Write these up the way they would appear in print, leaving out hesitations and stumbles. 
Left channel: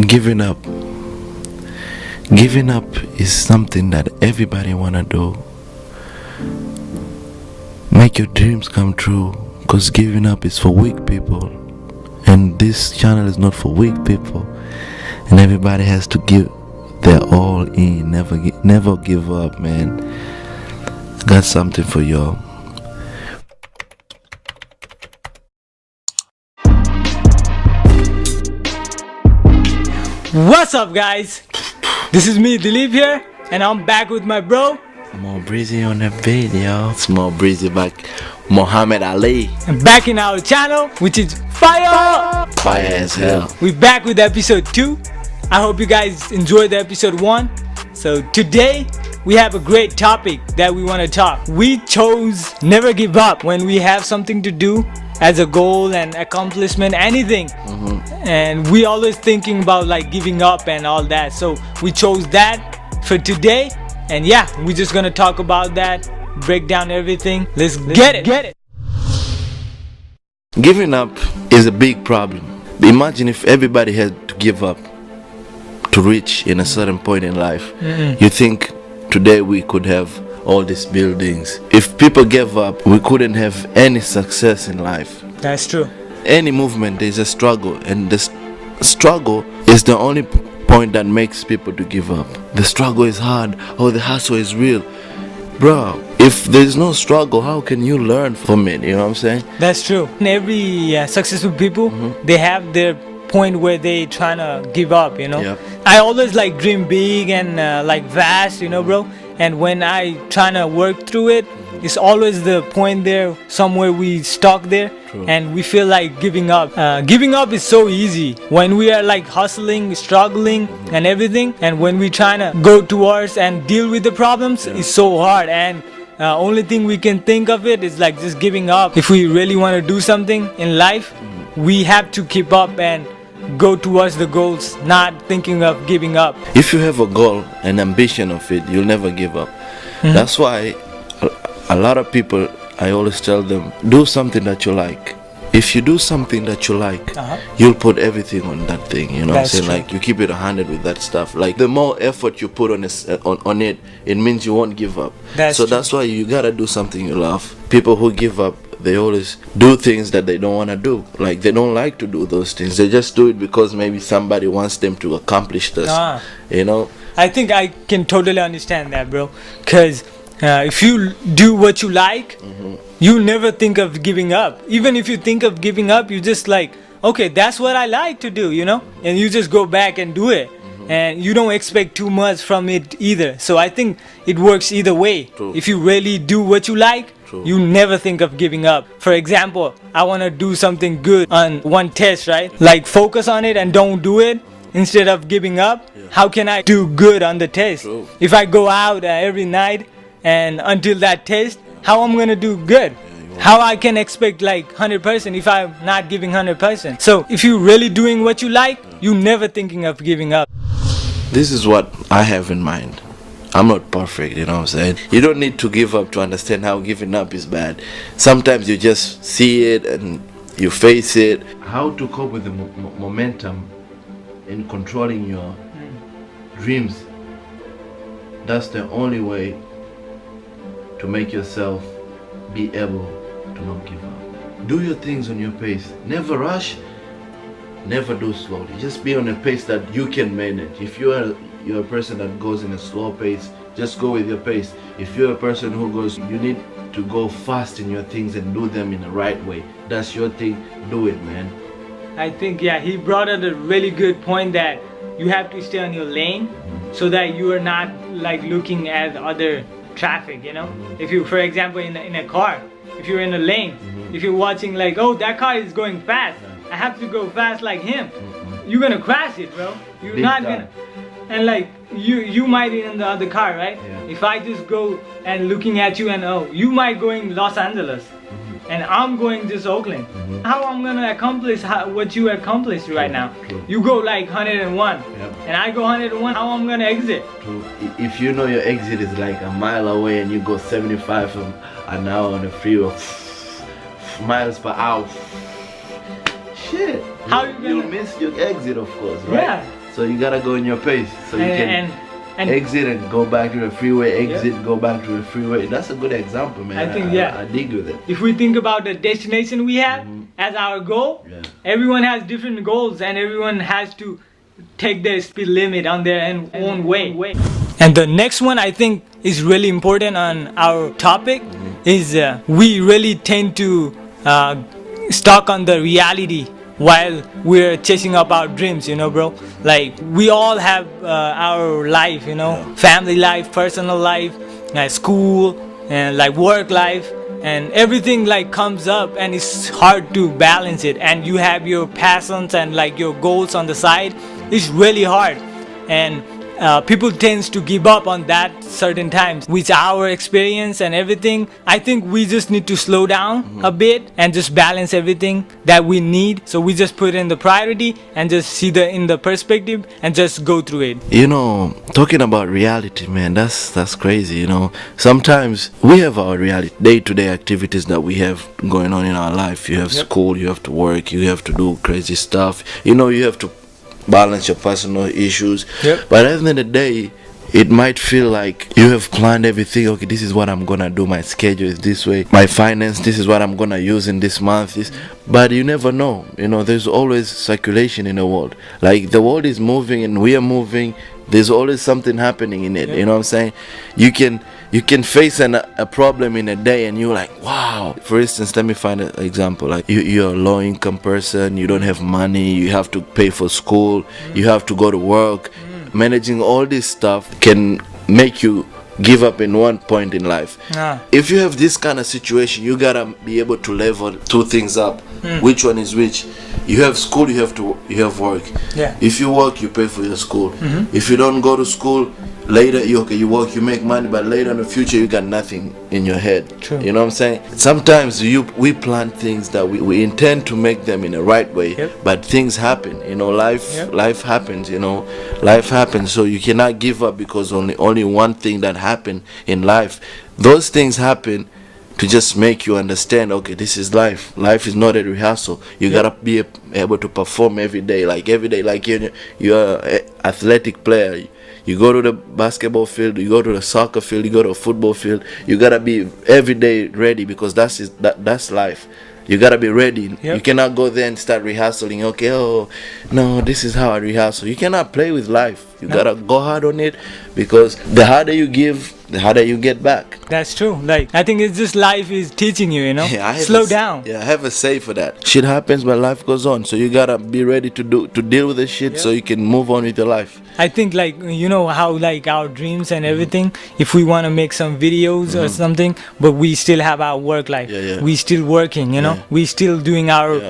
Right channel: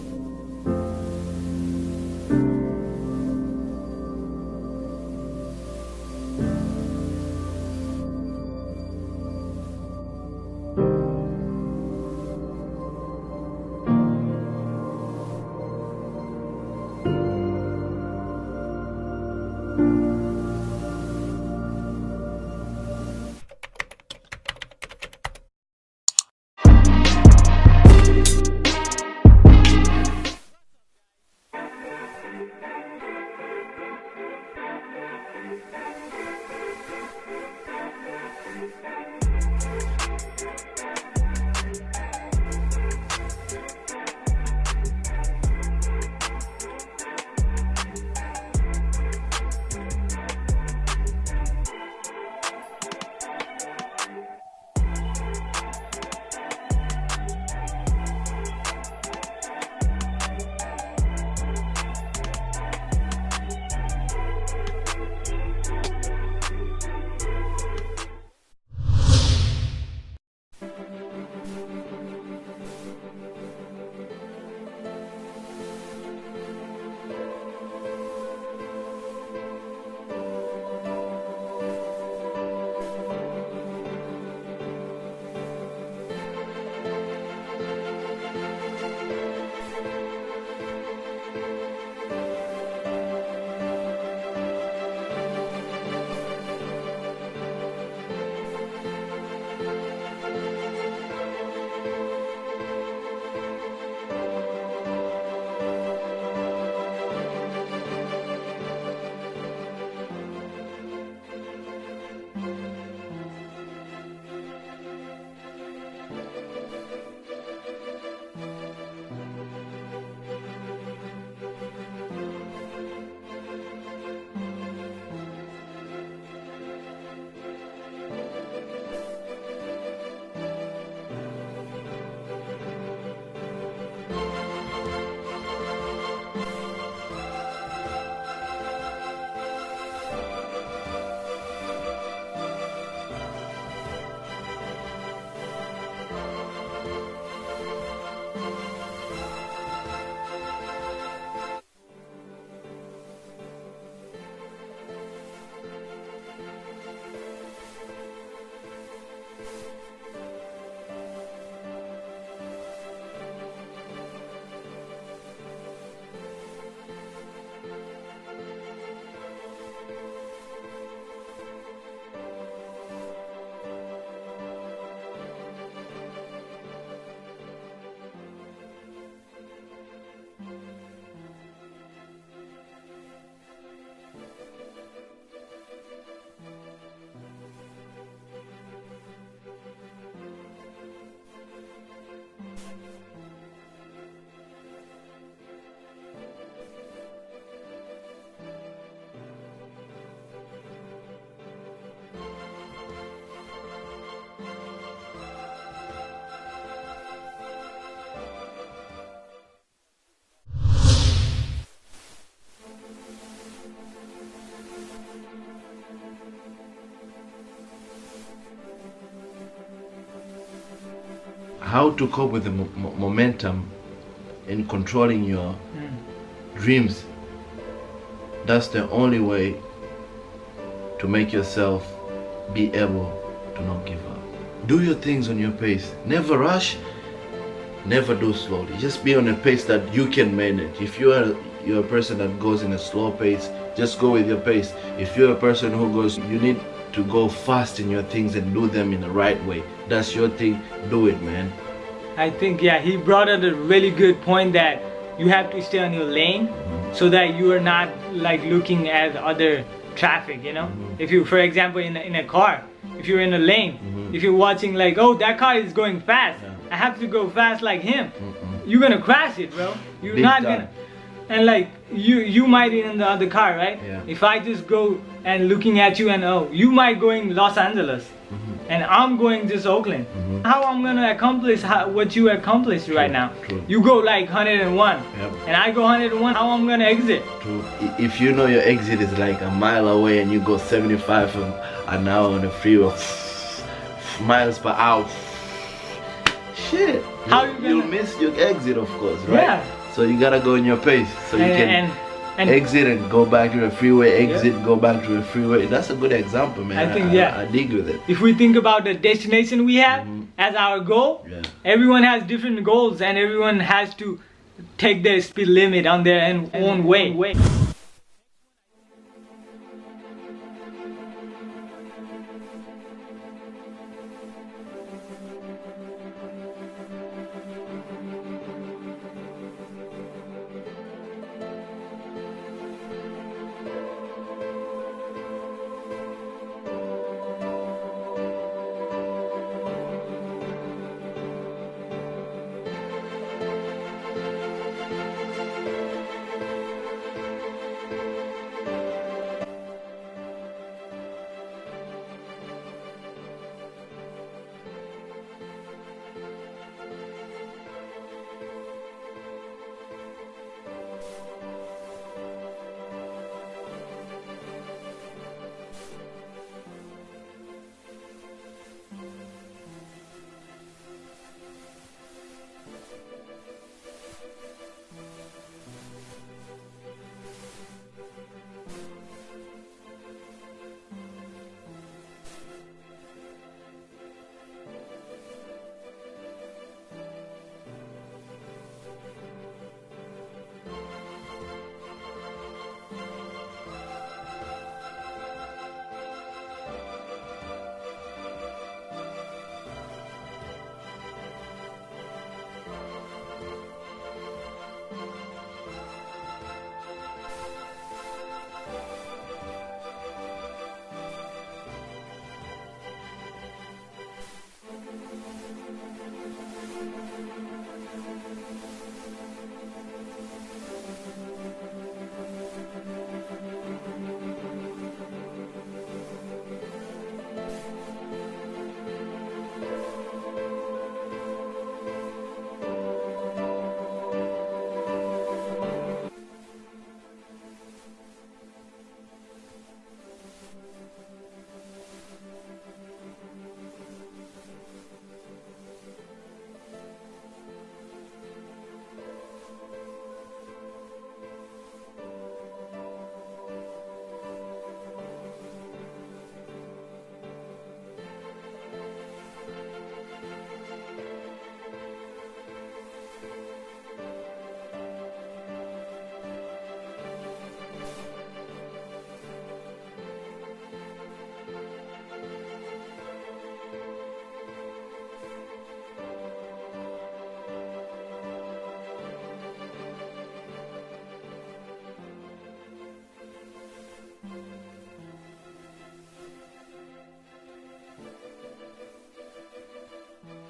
Giving up. Giving up is something that everybody wanna do. Make your dreams come true, because giving up is for weak people. And this channel is not for weak people. And everybody has to give their all in. Never give up, man. I got something for y'all. What's up, guys? This is me, Dilip here, and I'm back with my bro Mobreezy on the video. It's Mobreezy back. Muhammad Ali. and back in our channel, which is Fire! Fire as hell. We're back with episode 2. I hope you guys enjoyed the episode 1. So today we have a great topic that we want to talk. We chose never give up when we have something to do as a goal and accomplishment, anything. And we always thinking about like giving up and all that. So we chose that for today. And yeah, we're just gonna talk about that, break down everything. Let's get it. Giving up is a big problem. Imagine if everybody had to give up to reach in a certain point in life. You think today we could have all these buildings? If people gave up, we couldn't have any success in life. That's true. Any movement, there's a struggle, and the struggle is the only point that makes people to give up. The struggle is hard, or the hustle is real. Bro, if there's no struggle, how can you learn from it? You know what I'm saying? That's true. And every successful people, they have their point where they trying to give up, you know. Yep. I always like dream big and like vast, you know, bro. And when I trying to work through it, it's always the point there somewhere we stuck there. True. And we feel like giving up. Giving up is so easy when we are like hustling, struggling and everything, and when we trying to go towards and deal with the problems, it's so hard. And only thing we can think of it is like just giving up. If we really want to do something in life, we have to keep up and go towards the goals, not thinking of giving up. If you have a goal, an ambition of it, you'll never give up. That's why a lot of people, I always tell them, do something that you like. If you do something that you like, you'll put everything on that thing, you know what I'm saying? True. Like you keep it 100 with that stuff. Like the more effort you put on it, it means you won't give up. That's so true. that's why you gotta do something you love. People who give up, they always do things that they don't want to do. Like they don't like to do those things. They just do it because maybe somebody wants them to accomplish this. You know? I think I can totally understand that, bro. Because if you do what you like, you never think of giving up. Even if you think of giving up, you just like, okay, that's what I like to do, you know? And you just go back and do it. And you don't expect too much from it either. So I think it works either way. True. If you really do what you like, True. you never think of giving up. For example, I want to do something good on one test, right? Like focus on it and don't do it instead of giving up. How can I do good on the test? True. If I go out every night and until that test, how I'm gonna do good? How I can expect like 100% if I'm not giving 100%? So if you're really doing what you like, you never thinking of giving up. This is what I have in mind. I'm not perfect, you know what I'm saying? You don't need to give up to understand how giving up is bad. Sometimes you just see it and you face it. How to cope with the momentum in controlling your dreams. That's the only way to make yourself be able to not give up. Do your things on your pace. Never rush, never do slowly. Just be on a pace that you can manage. If you're a person that goes in a slow pace, just go with your pace. If you're a person who goes, you need to go fast in your things and do them in the right way. That's your thing, do it, man. I think, yeah, he brought up a really good point that you have to stay on your lane so that you are not like looking at other traffic, you know. If you, for example, in a car, if you're in a lane, if you're watching like, oh, that car is going fast, I have to go fast like him, you're gonna crash it, bro. You're Big not time. gonna. And like you might be in the other car, right? Yeah. If I just go and looking at you and oh, you might going Los Angeles and I'm going just Oakland. How I'm gonna accomplish what you accomplished right now? True. You go like 101 and I go 101, how I'm gonna exit? True. If you know your exit is like a mile away and you go 75 an hour on the freeway, miles per hour, shit. How you You'll gonna- miss your exit, of course, right? Yeah. So you gotta go in your pace. So you can and exit and go back to the freeway, exit, go back to the freeway. That's a good example, man. I think, I dig with it. If we think about the destination we have as our goal, everyone has different goals and everyone has to take their speed limit on their own way. And the next one I think is really important on our topic is we really tend to stuck on the reality while we're chasing up our dreams, you know, bro. Like we all have our life, you know, family life, personal life, school, and like work life, and everything like comes up and it's hard to balance it. And you have your passions and like your goals on the side. It's really hard, and people tends to give up on that certain times. With our experience and everything, I think we just need to slow down a bit and just balance everything that we need. So we just put in the priority and just see in the perspective and just go through it. You know, talking about reality, man, that's crazy. You know, sometimes we have our reality, day-to-day activities that we have going on in our life. You have school, you have to work, you have to do crazy stuff. You know, you have to balance your personal issues. But at the end of the day, it might feel like you have planned everything. Okay, this is what I'm gonna do, my schedule is this way, my finance, this is what I'm gonna use in this month. But you never know. You know, there's always circulation in the world. Like the world is moving and we are moving. There's always something happening in it. You know what I'm saying? You can face a problem in a day and you're like, wow. For instance, let me find an example. Like you're a low income person, you don't have money, you have to pay for school, you have to go to work. Managing all this stuff can make you give up in one point in life. If you have this kind of situation, you gotta be able to level two things up. Which one is which? You have school, you have work. If you work, you pay for your school. If you don't go to school, later you work, you make money, but later in the future you got nothing in your head. You know what I'm saying? Sometimes we plan things that we intend to make them in the right way, but things happen. You know, life happens. You know, life happens. So you cannot give up because only one thing that happened in life. Those things happen to just make you understand, okay, this is life. Life is not a rehearsal. You gotta be able to perform every day. Like you're an athletic player. You go to the basketball field, you go to the soccer field, you go to a football field. You gotta be every day ready because that's life. You gotta be ready. You cannot go there and start rehearsing. Okay, oh no, this is how I rehearsal. You cannot play with life. You gotta go hard on it because the harder you give, the harder you get back. That's true. Like I think it's just life is teaching you, you know. Slow down. Yeah, I have a say for that. Shit happens, but life goes on. So you gotta be ready to deal with the shit so you can move on with your life. I think like you know how like our dreams and everything, if we want to make some videos or something, but we still have our work life. We still working, you know. We still doing our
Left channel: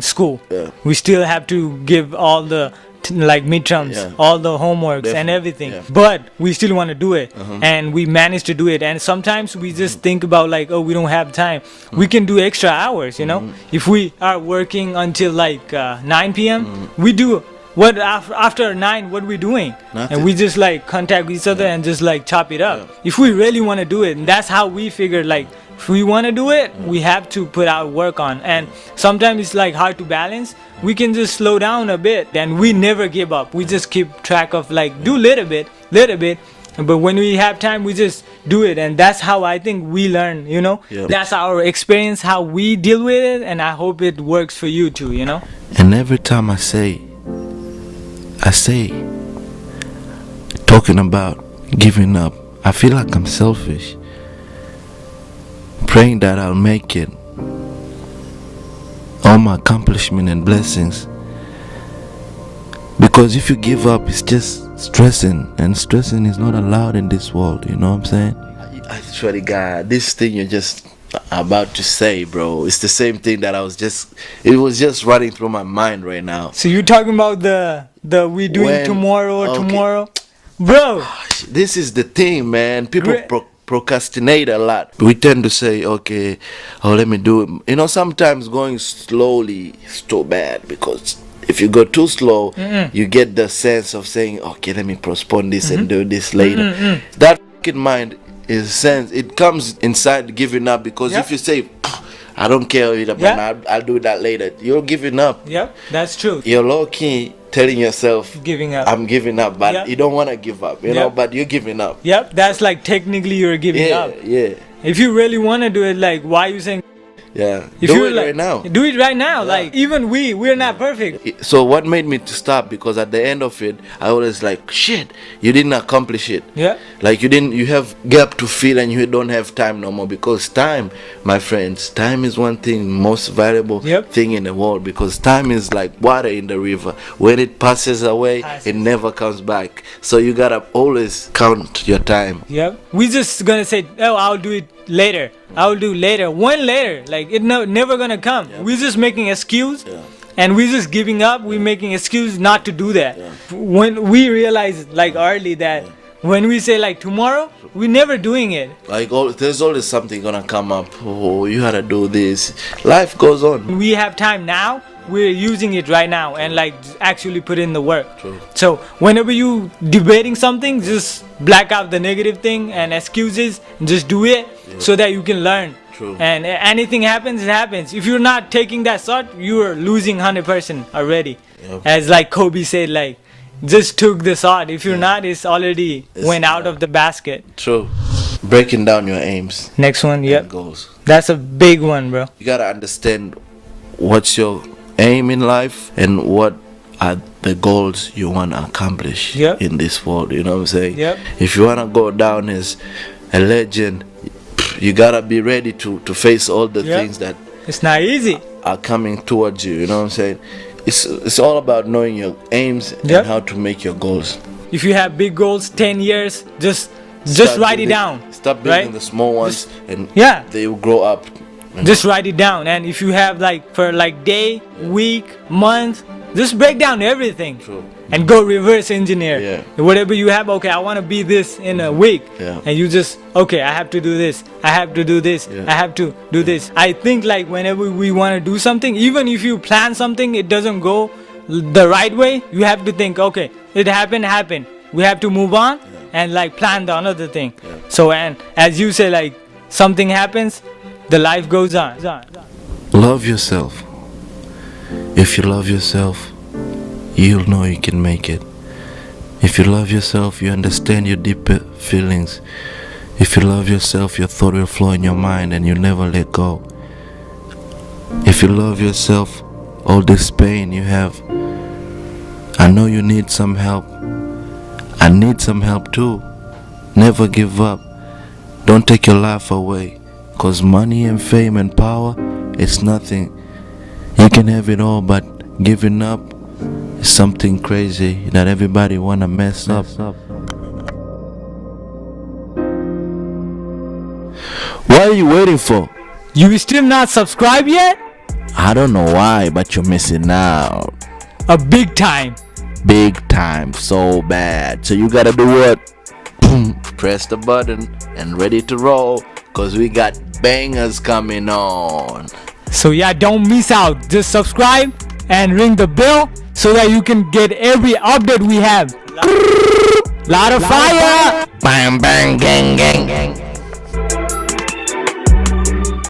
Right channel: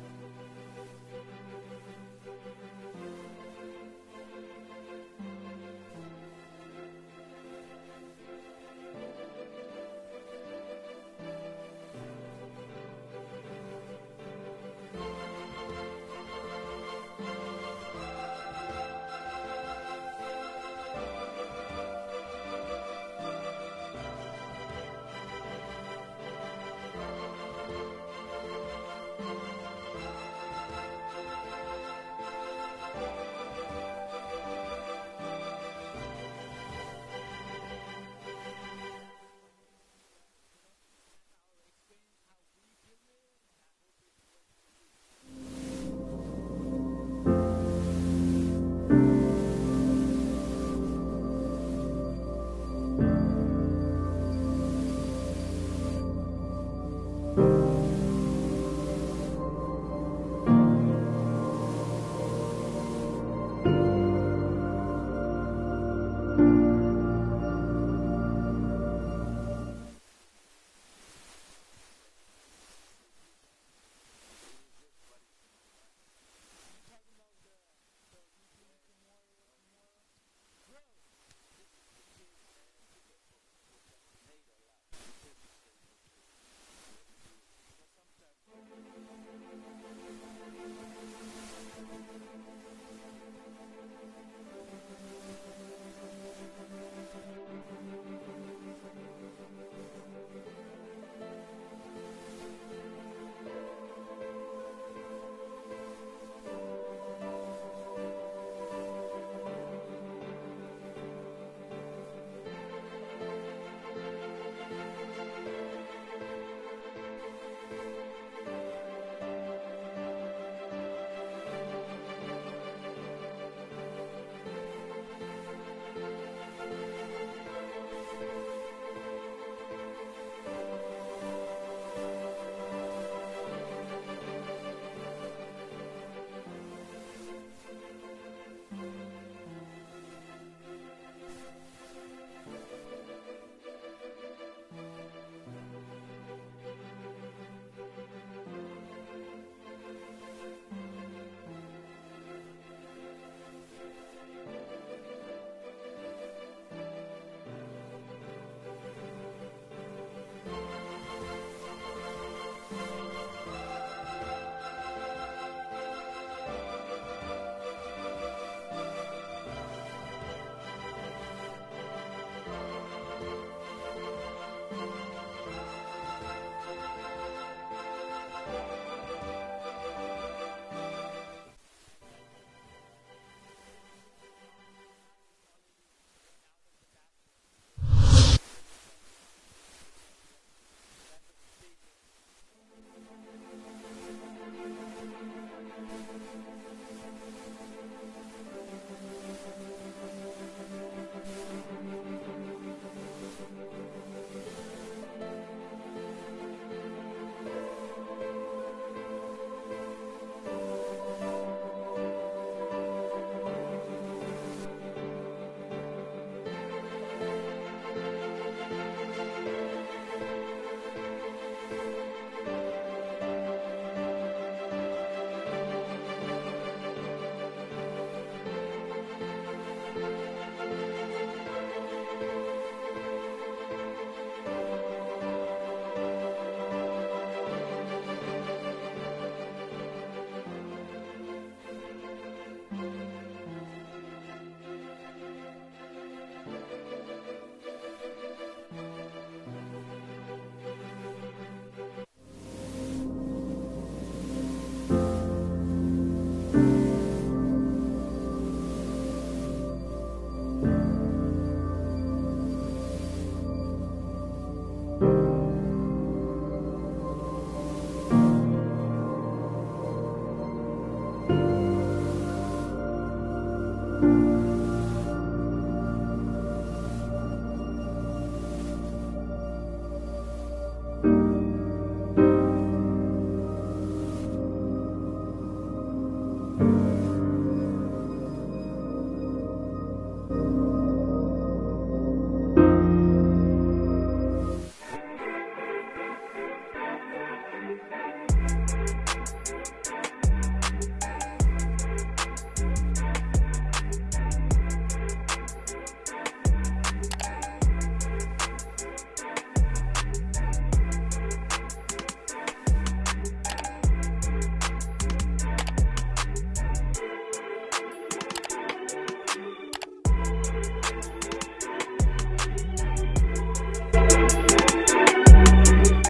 school. We still have to give all the like midterms, all the homeworks and everything, but we still want to do it, and we manage to do it. And sometimes we just think about like, oh, we don't have time. We can do extra hours, you know. If we are working until like 9 p.m. we do what after 9, what we doing? Nothing. And we just like contact each other and just like chop it up. If we really want to do it, and that's how we figured, like if we want to do it, we have to put our work on. And sometimes it's like hard to balance. We can just slow down a bit, and we never give up. We just keep track of like do little bit, but when we have time, we just do it. And that's how I think we learn, you know. That's our experience, how we deal with it, and I hope it works for you too, you know. And every time I say talking about giving up, I feel like I'm selfish, praying that I'll make it, all my accomplishment and blessings. Because if you give up, it's just stressing, and stressing is not allowed in this world. You know what I'm saying? I swear to God, this thing you're just about to say, bro, it's the same thing that it was just running through my mind right now. So you're talking about the we doing tomorrow, bro? This is the thing, man. People procrastinate a lot. We tend to say, okay, let me do it. You know, sometimes going slowly is too bad, because if you go too slow, you get the sense of saying, okay, let me postpone this and do this later. That mind is sense, it comes inside giving up, because if you say, I don't care, man, Yeah. I'll do that later. You're giving up. Yep, that's true. You're low key telling yourself, Giving up. I'm giving up, but Yeah. you don't want to give up, you Yeah. know, but you're giving up. Yep, that's like technically you're giving Yeah, up. yeah, If you really want to do it, like, why are you saying? yeah. If Do you're it like, right now. Do it right now. Like, even we're not perfect. So what made me to stop? Because at the end of it, I was like, shit, you didn't accomplish it. Yeah. Like you have gap to fill and you don't have time no more. Because time, my friends, time is one thing, most valuable Yep. thing in the world. Because time is like water in the river. When it passes away, it never comes back. So you gotta always count your time. Yep. We just gonna say, oh, I'll do it later. I'll do later. When later? Like, it never gonna come. We're just making excuse. Yeah. And we're just giving up. We're making excuse not to do that. When we realize, like, early that when we say, like, tomorrow, we're never doing it. Like there's always something gonna come up. Oh, you gotta do this. Life goes on. We have time now. We're using it right now and like actually put in the work. True. So whenever you debating something, just black out the negative thing and excuses and just do it so that you can learn. True. And anything happens, it happens. If you're not taking that shot, you are losing 100% already. Yep. As like Kobe said, like, just took the shot. If you're not, it's already went out of the basket. True. Breaking down your aims Next one, yep. and goals. That's a big one, bro. You gotta understand what's your aim in life and what are the goals you want to accomplish Yep. in this world. You know what I'm saying? Yep. If you want to go down as a legend, you gotta be ready to face all the Yep. things that It's not easy. are coming towards you. You know what I'm saying? It's all about knowing your aims Yep. and how to make your goals. If you have big goals, 10 years, just Start write it building- down. Stop building right? the small ones, and Yeah. they will grow up. Just write it down. And if you have like for like day, week, month, just break down everything. True. And go reverse engineer. Yeah. Whatever you have, okay, I want to be this in a week. Yeah. And you just, okay, I have to do this. I have to do this. Yeah. I have to do this. I think like whenever we want to do something, even if you plan something, it doesn't go the right way, you have to think, okay, it happened. We have to move on and like plan the another thing. So, and as you say, like something happens, the life goes on. Love yourself. If you love yourself, you'll know you can make it. If you love yourself, you understand your deeper feelings. If you love yourself, your thought will flow in your mind and you'll never let go. If you love yourself, all this pain you have, I know you need some help. I need some help too. Never give up. Don't take your life away. 'Cause money and fame and power, it's nothing. You can have it all, but giving up is something crazy that everybody wanna mess up. What are you waiting for? You still not subscribed yet? I don't know why, but you're missing out. A big time. Big time, so bad. So you gotta do what? Boom, press the button and ready to roll, 'cause we got bangers coming on. So yeah, don't miss out. Just subscribe and ring the bell so that you can get every update we have. Lot of fire. Bang, bang, gang, gang.